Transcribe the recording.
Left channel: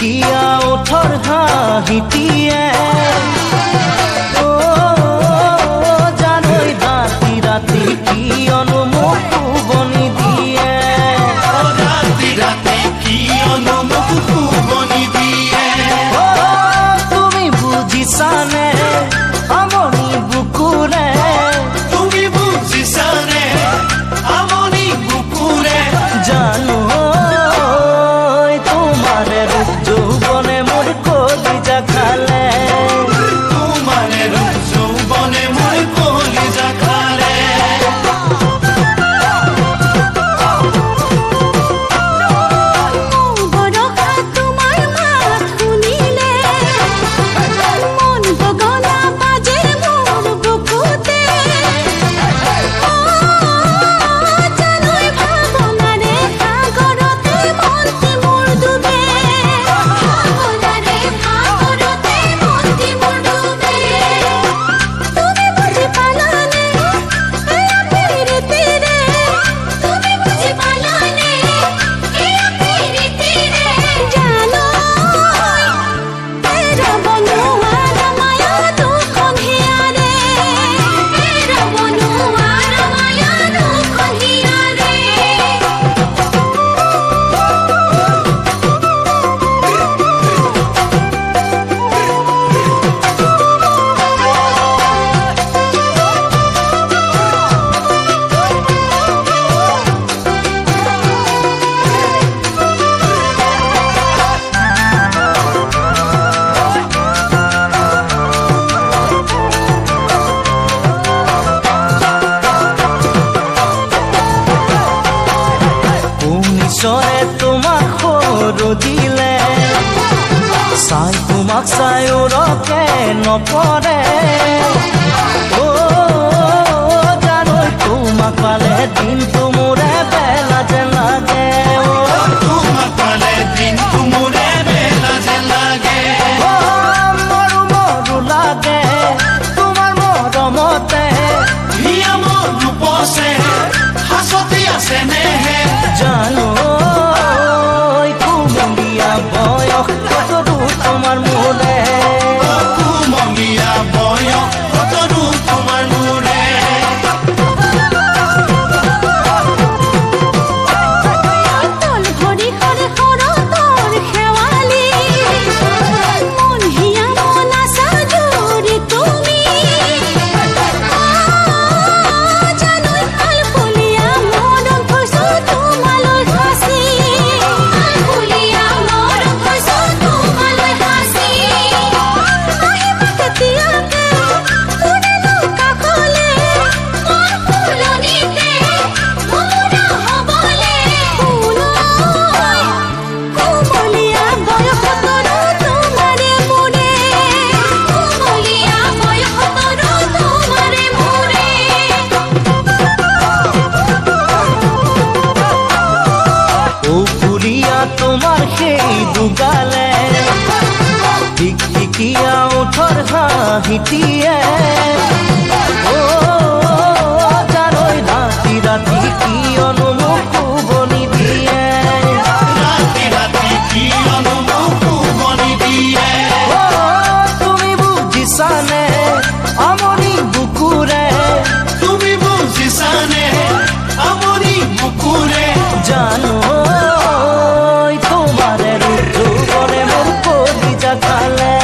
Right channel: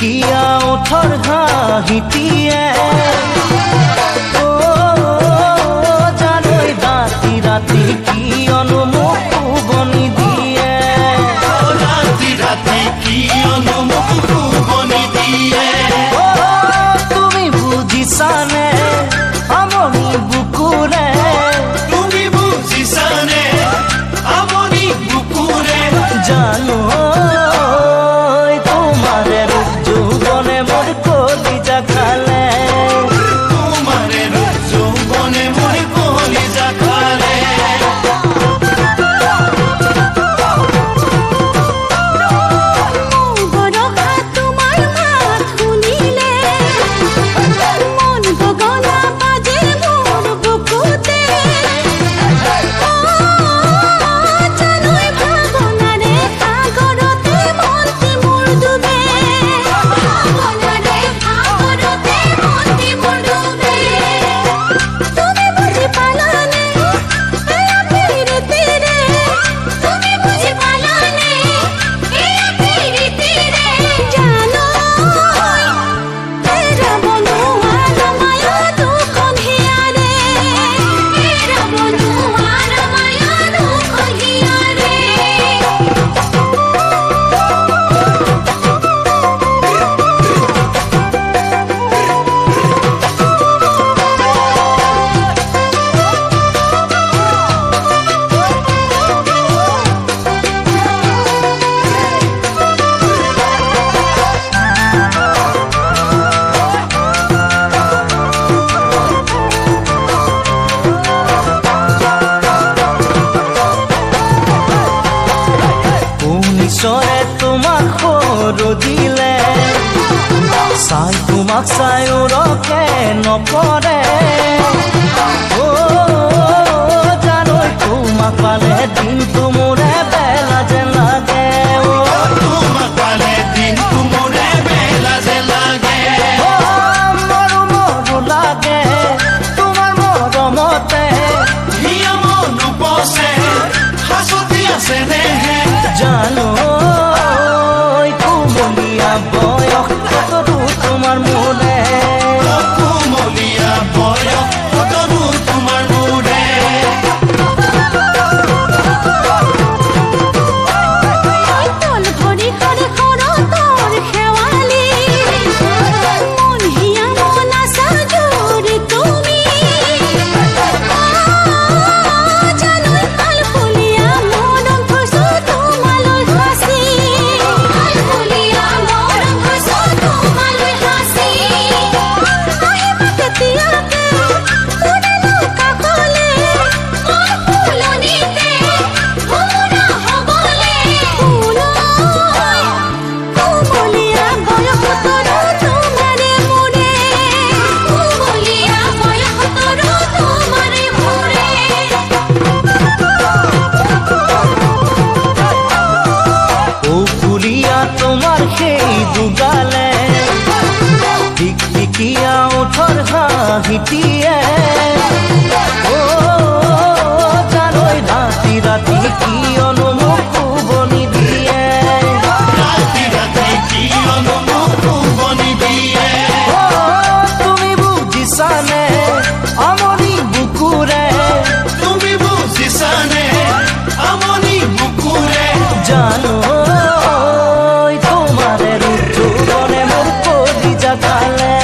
টিকটিকিয়া ওঠৰ হাঁহিটিয়ে জানৈ ৰাতি ৰাতি কিয়নো মোক শুবনি দিয়ে তুমি বুজিছানে আমনি বুকুৰে জানো তোমাৰে ৰূপ যৌৱনে মোৰ কলিজা খালে ঈশ্বৰে তোমাক সৰু দিলে চাই তোমাক চাই ৰকে নপৰে জানৈ তোমাক পালে দিনটো মোৰে বেলা যেন লাগে মৰো মৰো লাগে তোমাৰ মৰমতে জানো কুমলীয়া বয়স কতৰো তোমাৰ মোৰে তল ভৰি সৰে সৰতৰ খেৱালি মন হিয়া মন আছা জোৰি তুমি তোমাৰ সেই দুগালে টিকটিকিয়া ওঠৰ হাঁহিটিয়ে জানৈ ৰাতি ৰাতি কিয়নো মোক শুবনি দিয়ে তুমি বুজিছানে আমনি বুকুৰে জানো তোমাৰে ৰূপ যৌৱনে মোৰ কলিজা খালে